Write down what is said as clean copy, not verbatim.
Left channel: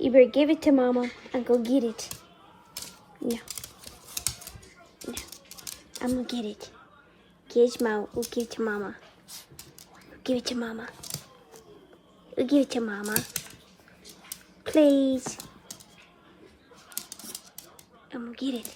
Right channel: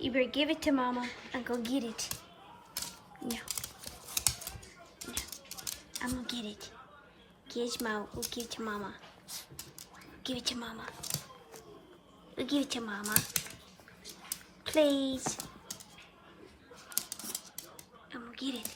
You better give it to Mama and go get it. No. No. I'm gonna get it. Gizmo, we'll give it to Mama. We'll give it to Mama. We'll give it to Mama. Please. I'm gonna get it.